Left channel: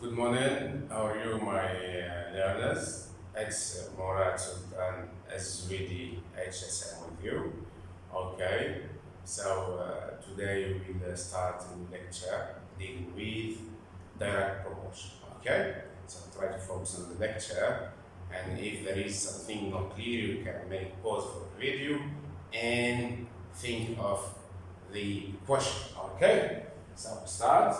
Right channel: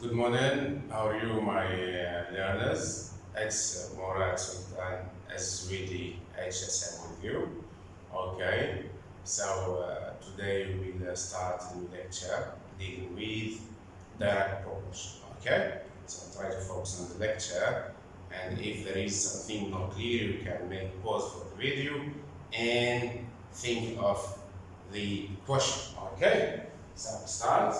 Good morning. How are you, my learners? It's Morad Sultan SVD HSM with you. Okay, so today we'll start a new lecture dealing with direct proportion. Okay, so try to focus on the lecture, and if there is something not clear, you can make pause for the video and think of the question. Okay, so start.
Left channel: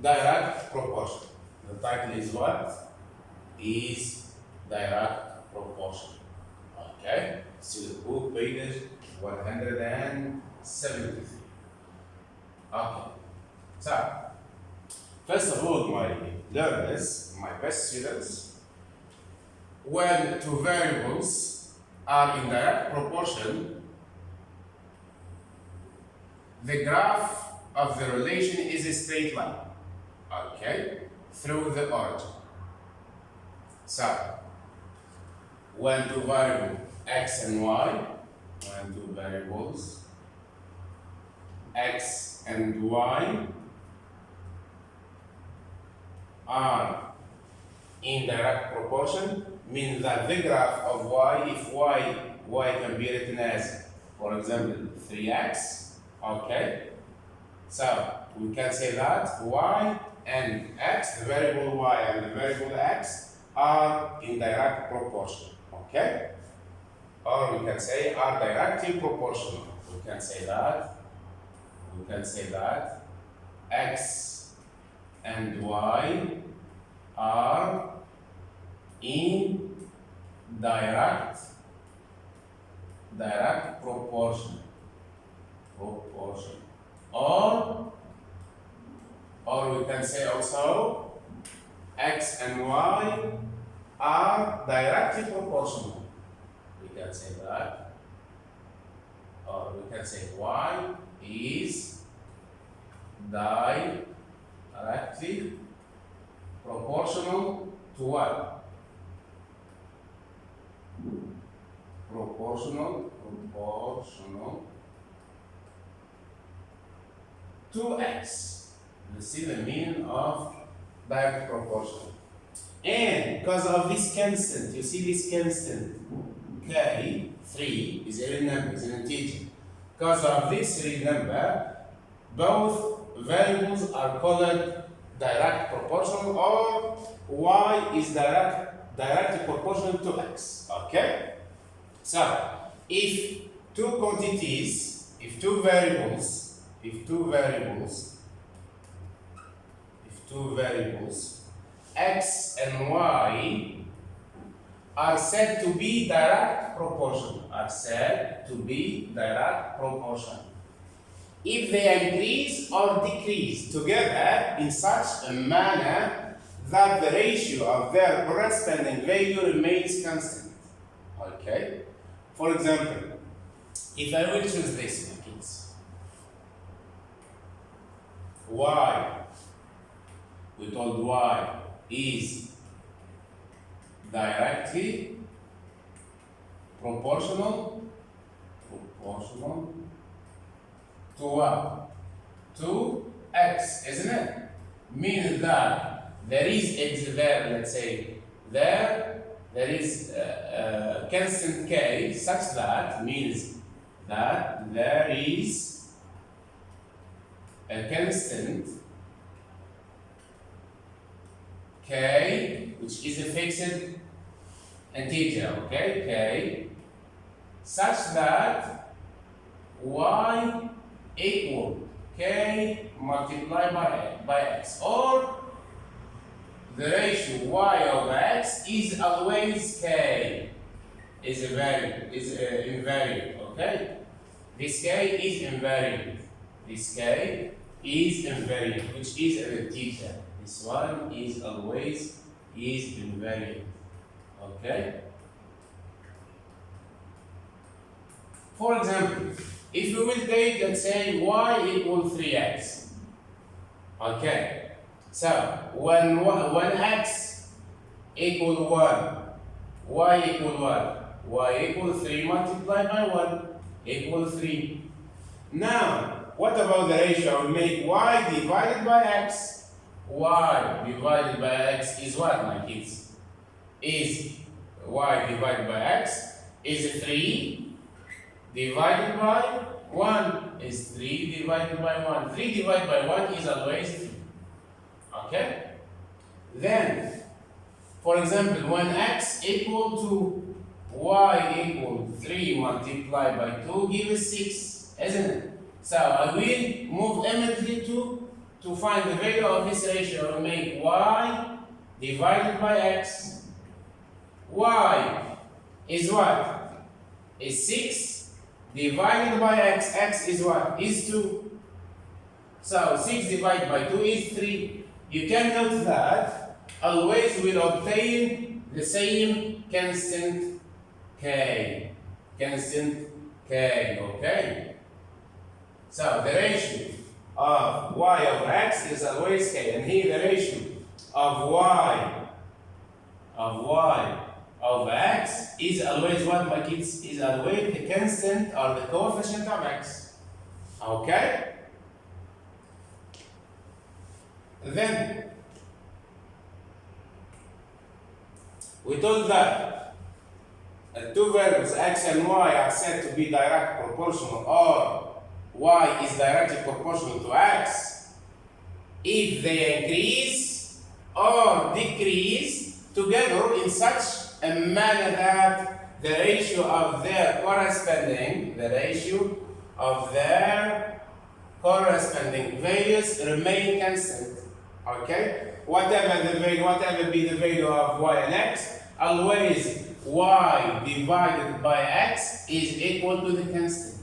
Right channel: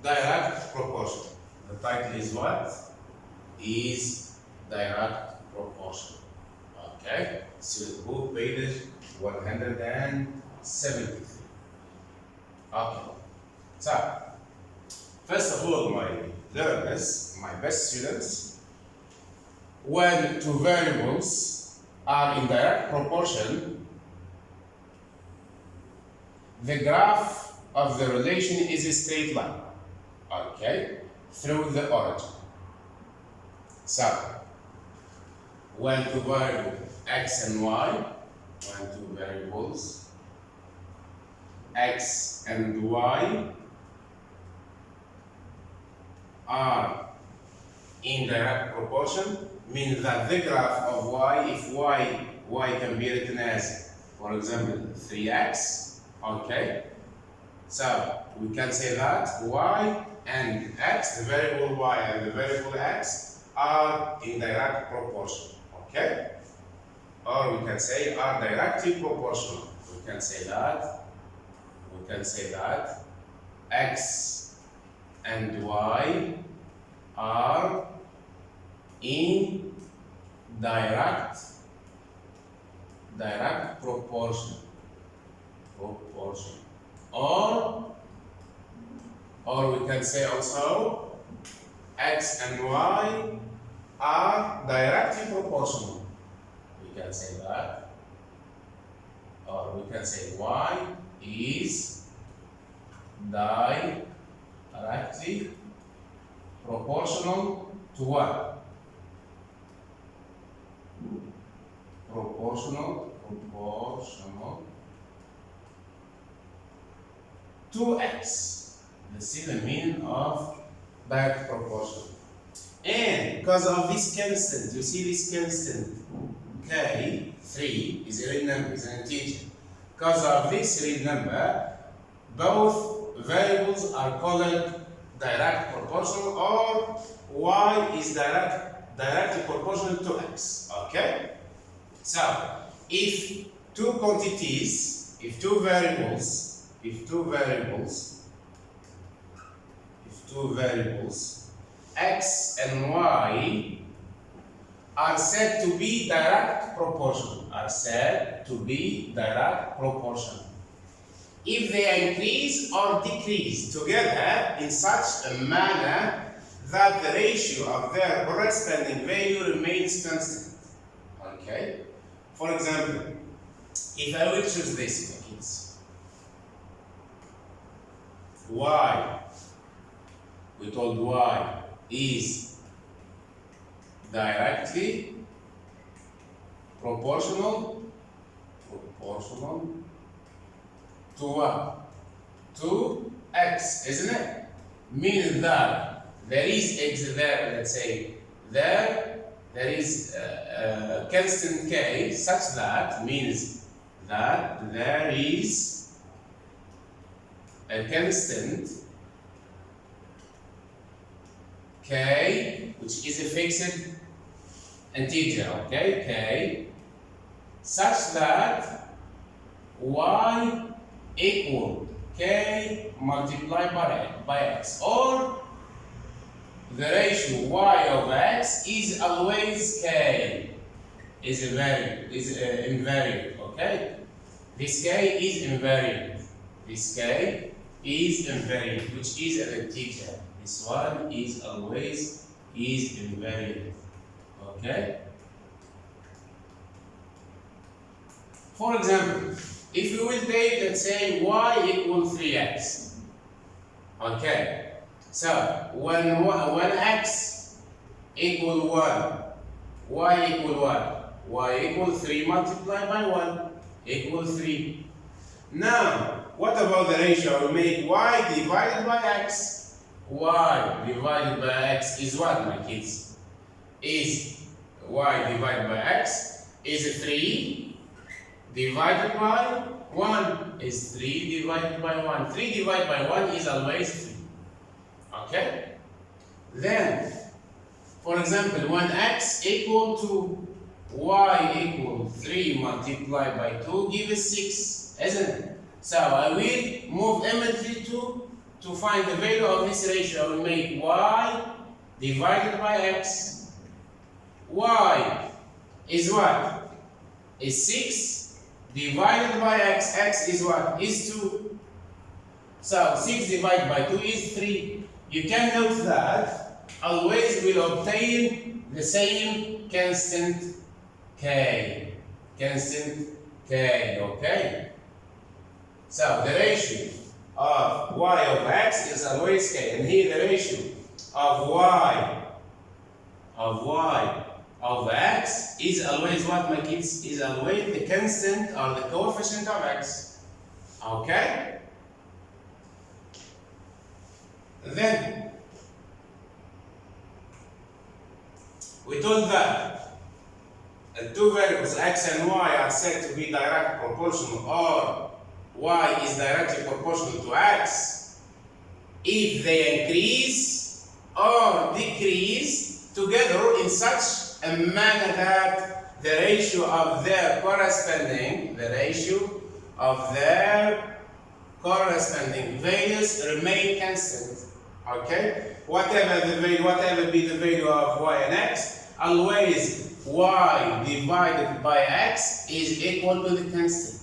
Direct proportion. The title is what? Is direct proportion. Okay, student book page 173. Okay, so first of all, my learners, my best students, when two variables are in direct proportion, the graph of the relation is a straight line. Okay, through the origin. So, when two variables x and y, when two variables x and y are in direct proportion, means that the graph of y, if y can be written as, for example, 3x, okay, so we can say that y and x, the variable y and the variable x, are in direct proportion, okay? Or we can say are directly proportional. We can say that x and y are in direct proportion. Or we can say also x and y are directly proportional. We can say that. Or we can say y is directly proportional to what? Proportional to x. This is the meaning of direct proportion. And because of this constant, you see this constant, k, 3 is a real number, is an integer. Because of this real number, both variables are called direct proportional, or y is directly proportional to x. Okay? So, if two quantities, if two variables, x and y are said to be direct proportional, if they increase or decrease together in such a manner that the ratio of their corresponding value remains constant. Okay? For example, if I will choose this, my kids, y, we told y is directly proportional to what? To x, isn't it? Meaning that there is x there, let's say, there is a constant k such that means that there is a constant k, which is a fixed integer, okay, k, such that y equal k multiplied by x, or the ratio y over x is always k, is a value, is invariant, okay? This k is invariant, which is an integer. This one is always invariant, okay? For example, if we will take, let's say, y equals 3x, okay? So, when x equal 1, y equal what? y equal 3 multiplied by 1 equal 3. Now, what about the ratio? I will make y divided by x. Y divided by x is what, my kids? Is y divided by x is 3 divided by 1 is 3 divided by 1. 3 divided by 1 is always 3. Okay? Then, for example, when x equal to y equal 3 multiplied by 2 gives 6, isn't it? So I will move immediately to find the value of this ratio. I will make y divided by x. Y is what? Is 6 divided by x. X is what? Is 2. So 6 divided by 2 is 3. You can note that always will obtain the same constant k. Constant k, okay? So the ratio of y over x is always k. And here the ratio of y over x is always what, my kids? Is always the constant or the coefficient of x. Okay? Then we told that two variables x and y are said to be direct proportional, or y is directly proportional to x if they increase or decrease together in such a manner that the ratio of their corresponding values remain constant. Okay? Whatever be the value of y and x, always y divided by x is equal to the constant.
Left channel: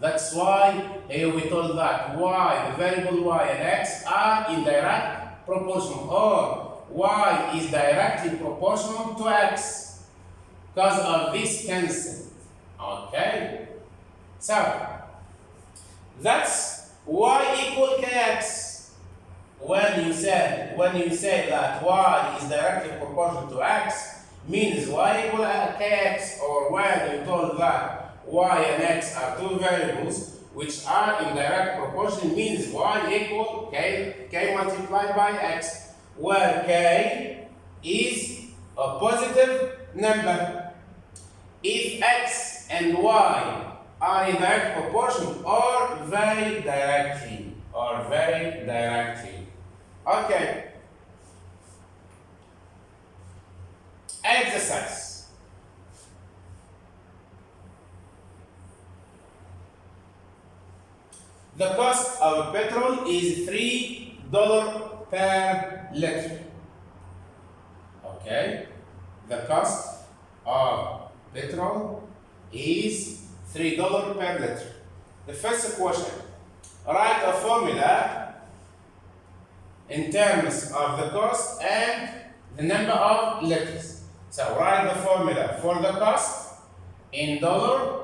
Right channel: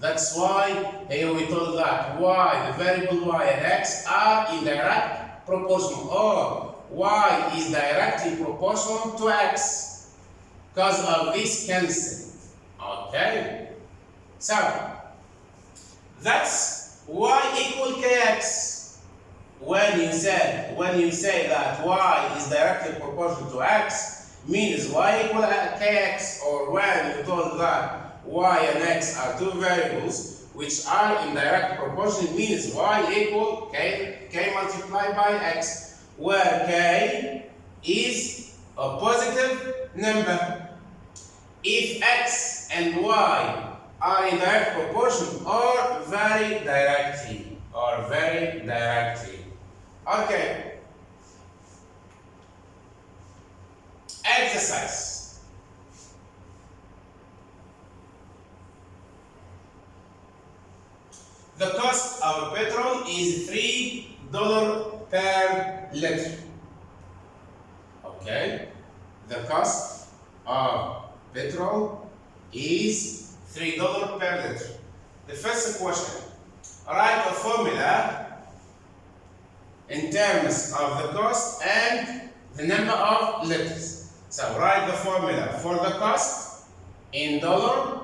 That's why here we told that the variable y and x are in direct proportional, or y is directly proportional to x because of this constant. Okay? So, that's y equal kx. When you say that y is directly proportional to x, means y equal kx, or when you told that y and x are two variables which are in direct proportion, means y equal k multiplied by x, where k is a positive number. If x and y are in direct proportion or very directly. Okay. Exercise. The cost of petrol is $3 per liter. Okay? The cost of petrol is $3 per liter. The first question. Write a formula in terms of the cost and the number of liters. So write the formula for the cost in dollar,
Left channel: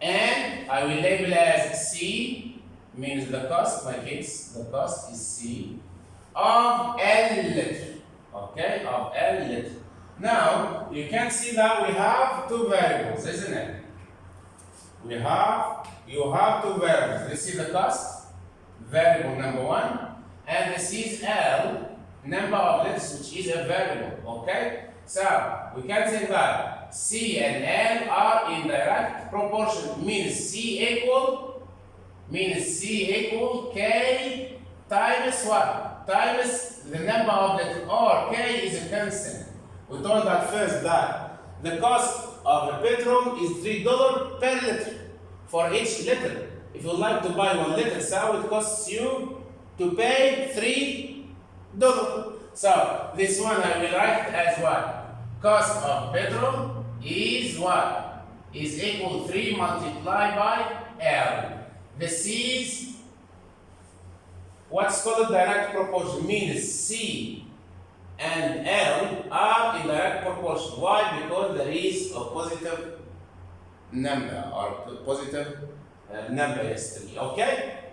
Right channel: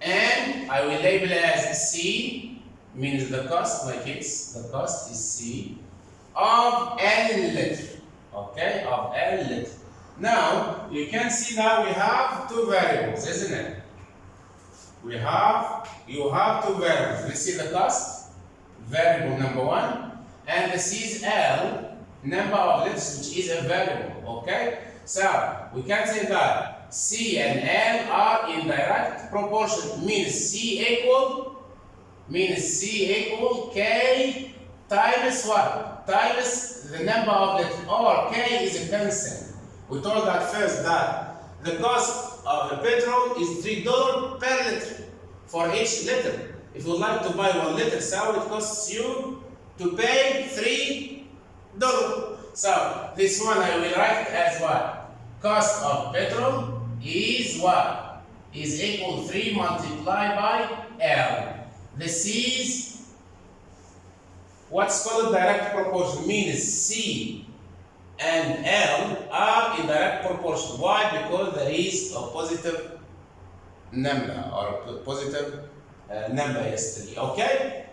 and I will label as C, means the cost, my kids, the cost is C, of L liter. Okay, of L liter. Now, you can see that we have two variables, isn't it? You have two variables. This is the cost, variable number 1, and this is L, number of liters, which is a variable. Okay? So, we can say that C and L are in direct proportion, means C equal K times what? Times the number of liters, or K is a constant. We told that first that the cost of the petrol is $3 per liter for each liter. If you like to buy 1 liter, so it costs you to pay $3. So this one I will write as what? Cost of petrol is what? Is equal to 3 multiplied by L. This is what's called direct proportion, means C and L are in direct proportion. Why? Because there is a positive number, or a positive number is 3. Okay?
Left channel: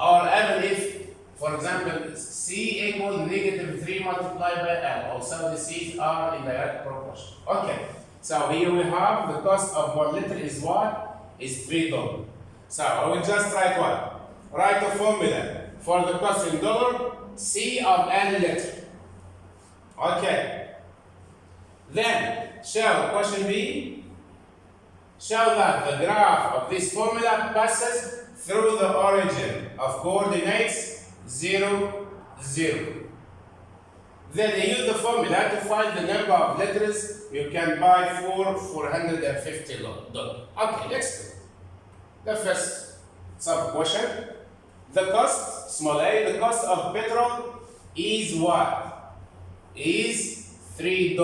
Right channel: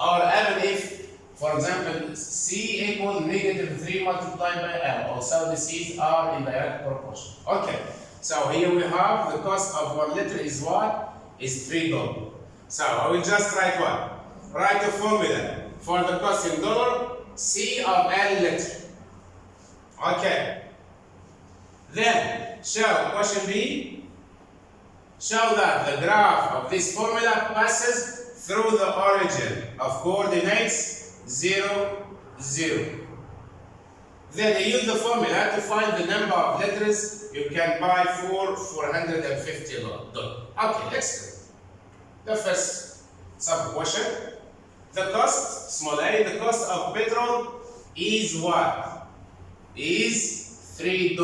Or even if, for example, C equals -3 multiplied by L, also the C's are in direct proportion. Okay. So here we have the cost of 1 liter is what? Is $3. So I will just write what? Write a formula for the cost in dollar, C of L liter. Okay. Then show question B. Show that the graph of this formula passes through the origin of coordinates 0, 0. Then you use the formula to find the number of letters you can buy for $450. Okay, let's do it. The first sub-question. The cost, small a, the cost of petrol is what? Is $3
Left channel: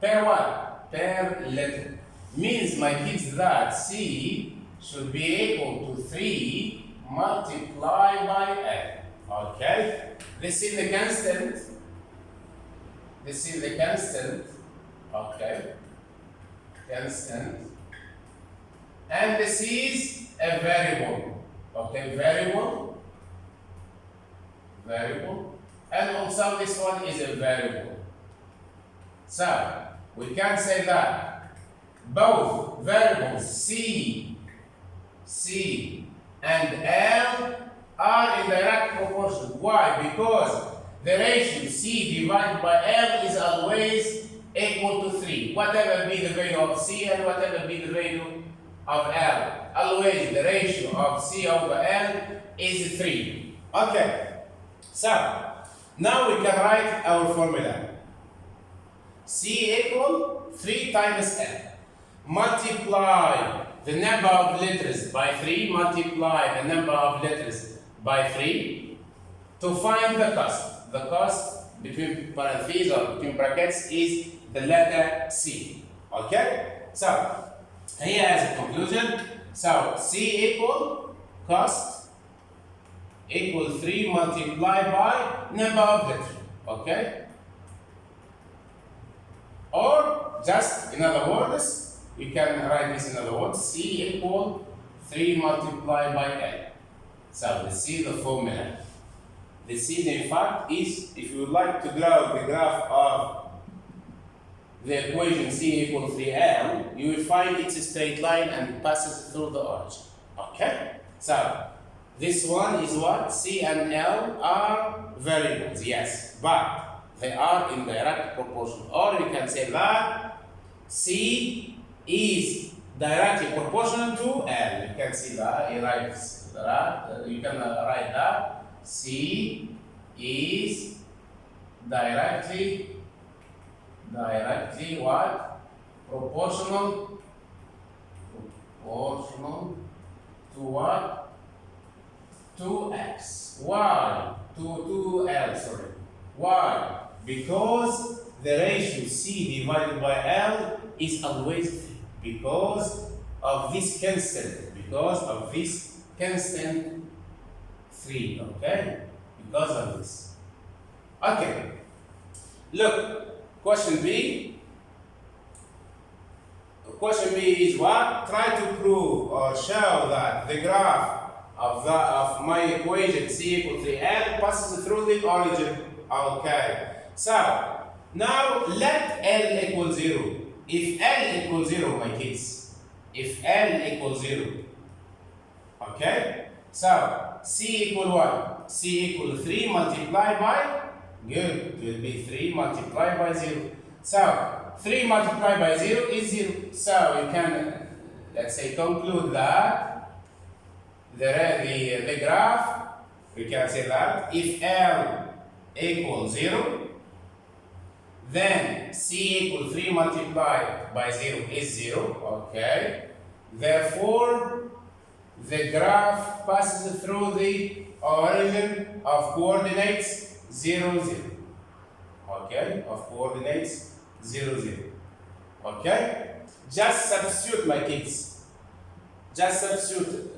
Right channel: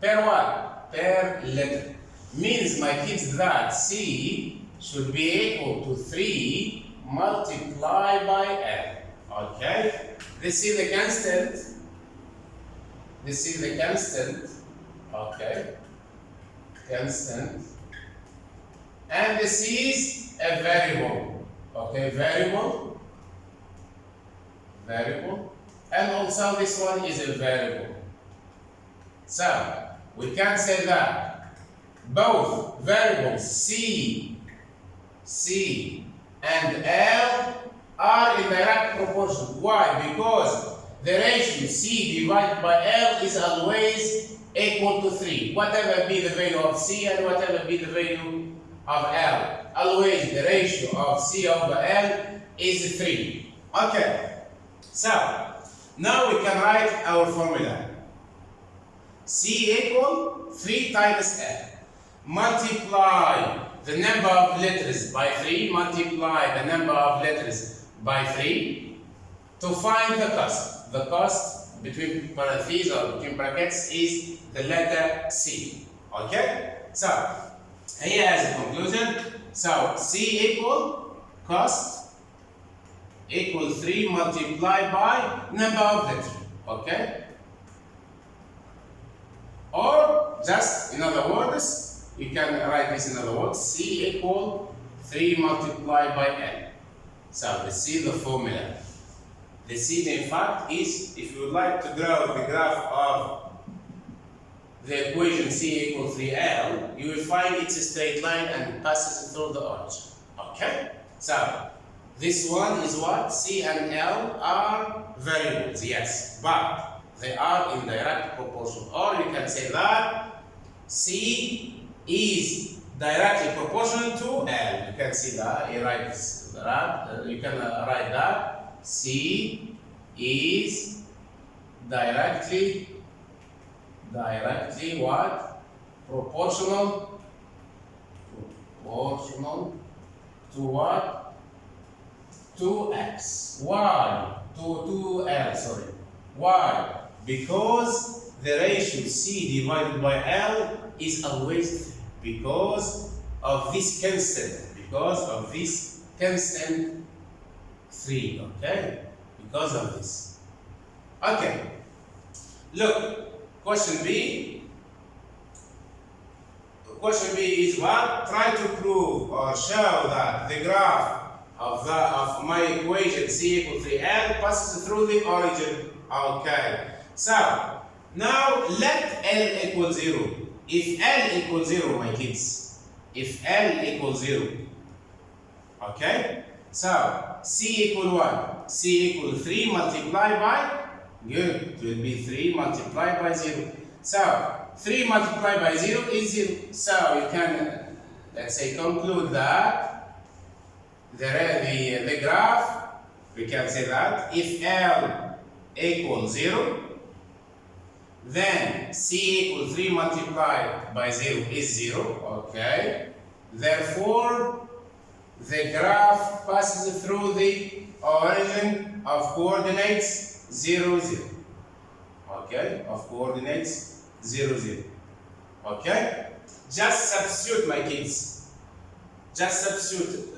per what? Per liter. Means, my kids, that C should be equal to 3 multiplied by L. Okay? This is the constant. This is the constant. Okay? Constant. And this is a variable. Okay? Variable. Variable. And also this one is a variable. So, we can say that both variables C and L are in direct proportion. Why? Because the ratio C divided by L is always equal to 3. Whatever be the value of C and whatever be the value of L. Always the ratio of C over L is 3. Okay. So, now we can write our formula. C equal 3 times L. Multiply the number of letters by 3, multiply the number of letters by 3 to find the cost. The cost between parentheses or between brackets is the letter C. Okay? So, here as a conclusion, so C equal cost equal 3 multiplied by number of letters. Okay? Or just in other words, you can write this in other words, C equal 3 multiplied by L. So this is the formula. The C in fact is, if you would like to draw the graph of the equation C equal 3L, you will find it's a straight line and passes through the origin. Okay? So this one is what? C and L are variables, yes, but they are in direct proportion. Or you can say that C is directly proportional to L. You can see that. You write that. You can write that C is directly what? Proportional to what? To X. Why? To L. Sorry. Why? Because the ratio C divided by L is always 3. Because of this constant. Because of this constant 3. Okay? Because of this. Okay. Look, question B. Question B is what? Try to prove or show that the graph of my equation C equal 3L passes through the origin. Okay. So, now let L equal 0. If L equals 0, my kids, if L equals 0, okay? So, C equal what? C equal 3 multiplied by, good, it will be 3 multiplied by 0. So, 3 multiplied by 0 is 0. So, you can, let's say, conclude that the graph, we can say that if L equals 0, then C equals 3 multiplied by 0 is 0, okay? Therefore, the graph passes through the origin of coordinates 0, 0. Okay? Of coordinates 0, 0. Okay? Just substitute, my kids. Just substitute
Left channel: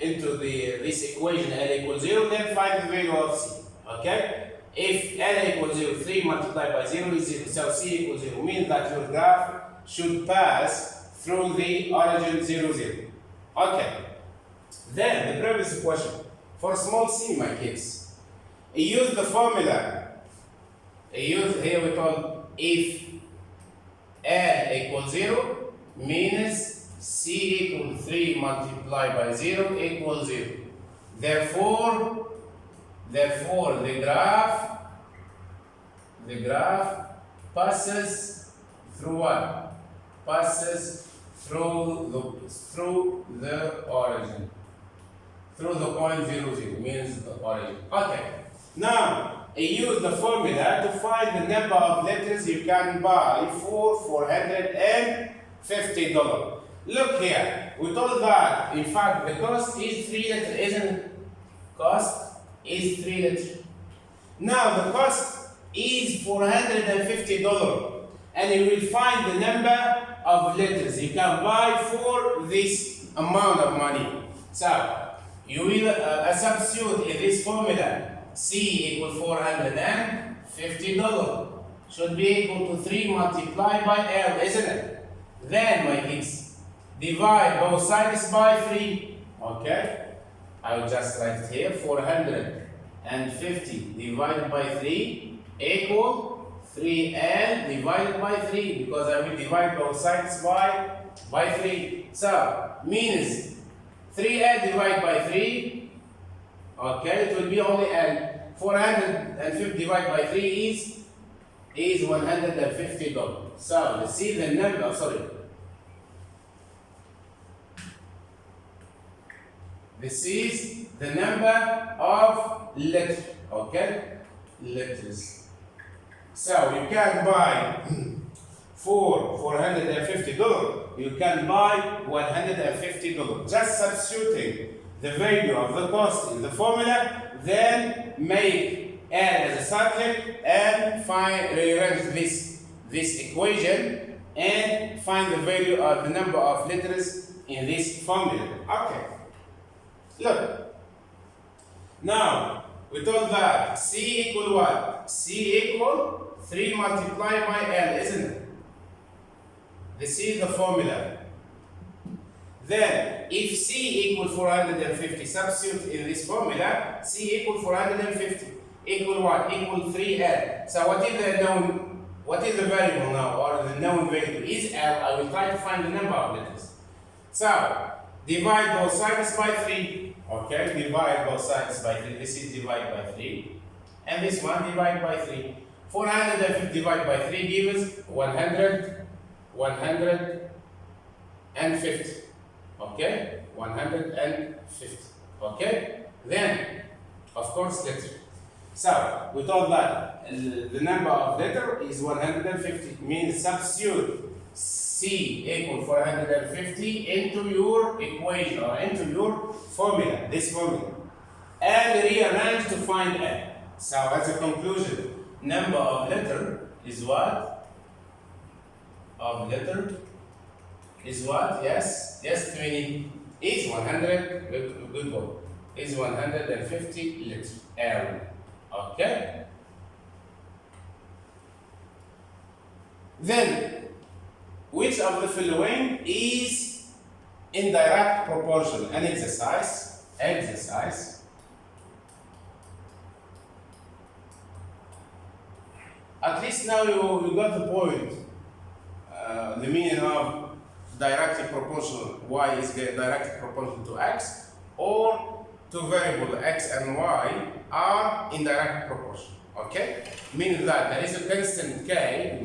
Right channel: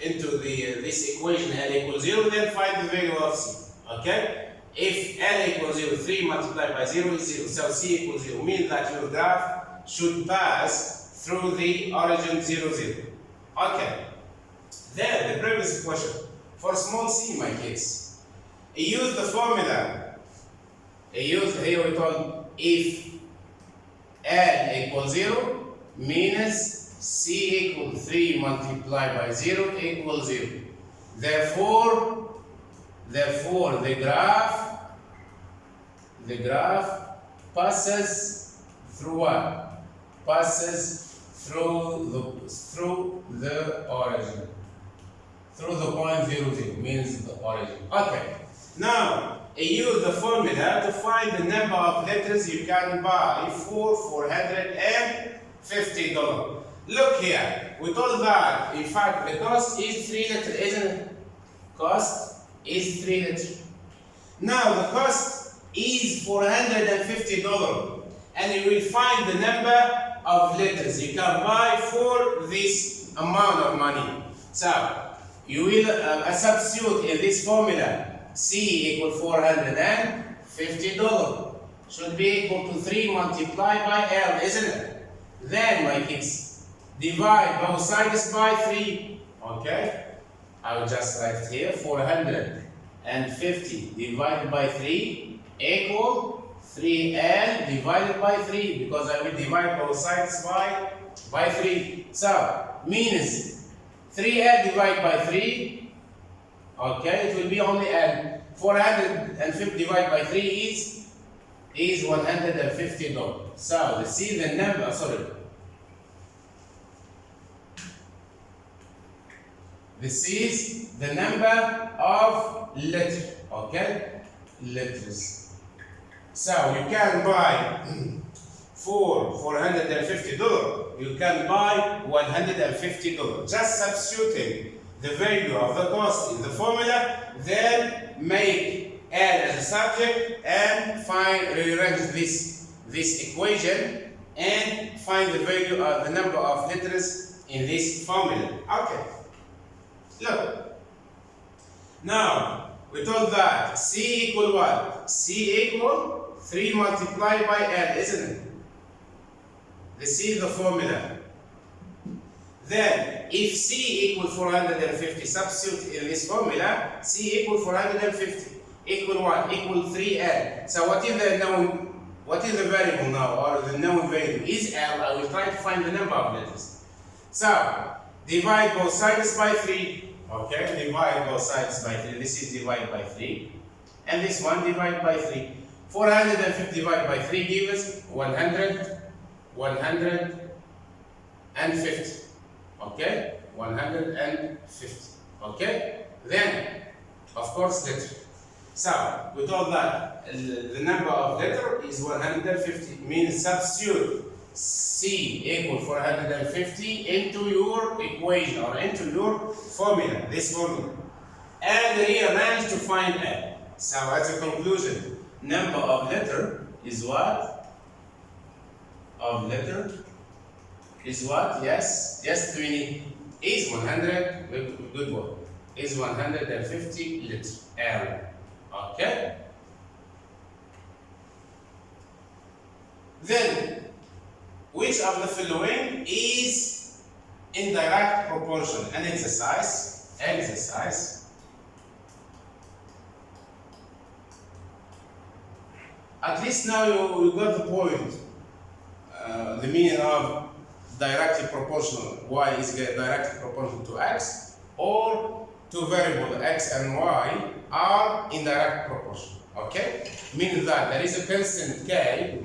into this equation L equals 0, then find the value of C. Okay? If L equals 0, 3 multiplied by 0 is 0. So C equals 0 means that your graph should pass through the origin 0, 0. Okay. Then the previous question. For small c, my kids, use the formula. Here we told if L equals 0 means C equals 3 multiplied by 0 equals 0. Therefore, the graph passes through what? Passes through the origin. Through the point 0, 0 means the origin. Okay. Now, use the formula to find the number of letters you can buy for $450. Look here. We told that, in fact, the cost is 3 letters, isn't it? Cost is 3 letters. Now, the cost is $450. And you will find the number of letters you can buy for this amount of money. So, you will substitute in this formula C equals $450. Should be equal to 3 multiplied by L, isn't it? Then, my kids, divide both sides by 3. Okay? I will just write here 450 divided by 3 equal 3L divided by 3, because I will divide both sides by 3. So, means 3L divided by 3, okay, it will be only L. 450 divided by 3 is $150. So, let's see the number, this is the number of letters, okay? Letters. So, you can buy for $450, you can buy $150. Just substituting the value of the cost in the formula, then make L as a subject and rearrange this equation and find the value of the number of letters in this formula. Okay. Look. Now, we told that C equal what? C equal 3 multiplied by L, isn't it? This is the formula. Then, if C equals 450, substitute in this formula, C equals 450, equal what? Equal 3L. So what is the variable now, or the known value? Is L. I will try to find the number of letters. So, divide both sides by 3. Okay, divide both sides by 3. This is divided by 3. And this one divided by 3. 450 divided by 3 gives 150. Okay, 150. Okay, then of course letter. So we told that the number of letter is 150. Means substitute C equal 450 into your equation or into your formula, this formula, and rearrange to find L. So as a conclusion, number of letter is what? Of letter is what? Yes, 20 is 100. Good word. Is 150 letter L. Okay. Then, which of the following is indirect proportion? An exercise. At least now you got the point. The meaning of directly proportional. Y is directly proportional to X, or two variable X and Y are indirect proportional. Okay? Meaning that there is a constant K,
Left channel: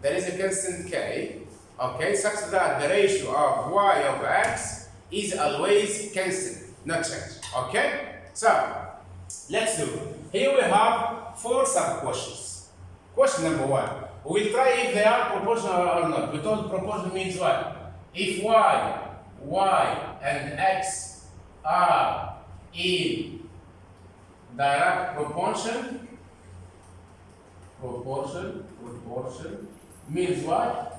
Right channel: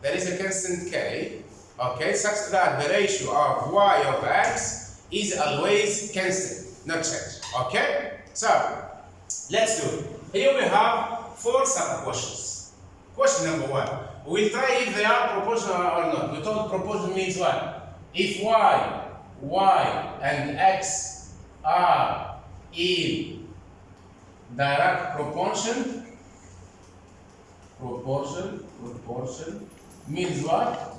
there is a constant K, okay, such that the ratio of Y over X is always constant, not change. Okay? So, let's do it. Here we have 4 sub-questions. Question number 1. We'll try if they are proportional or not. We told proportion means what? If Y and X are in direct proportion means what?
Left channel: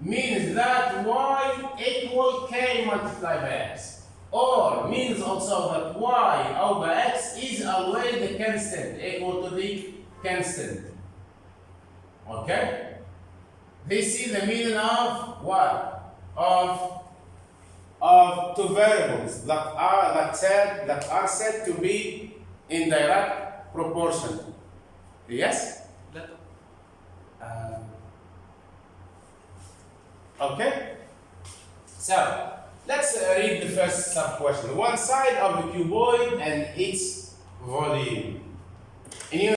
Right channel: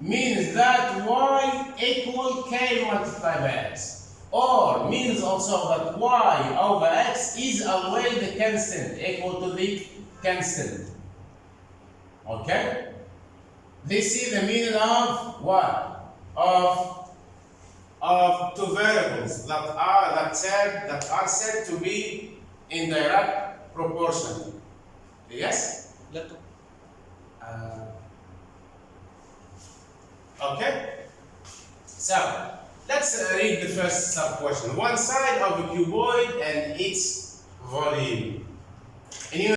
Means that Y equal K multiplied by X. Or means also that Y over X is always the constant, equal to the constant. Okay? This is the meaning of what? Of two variables that are said to be in direct proportion. Yes? Okay? So, let's read the first sub question. One side of a cuboid and its volume.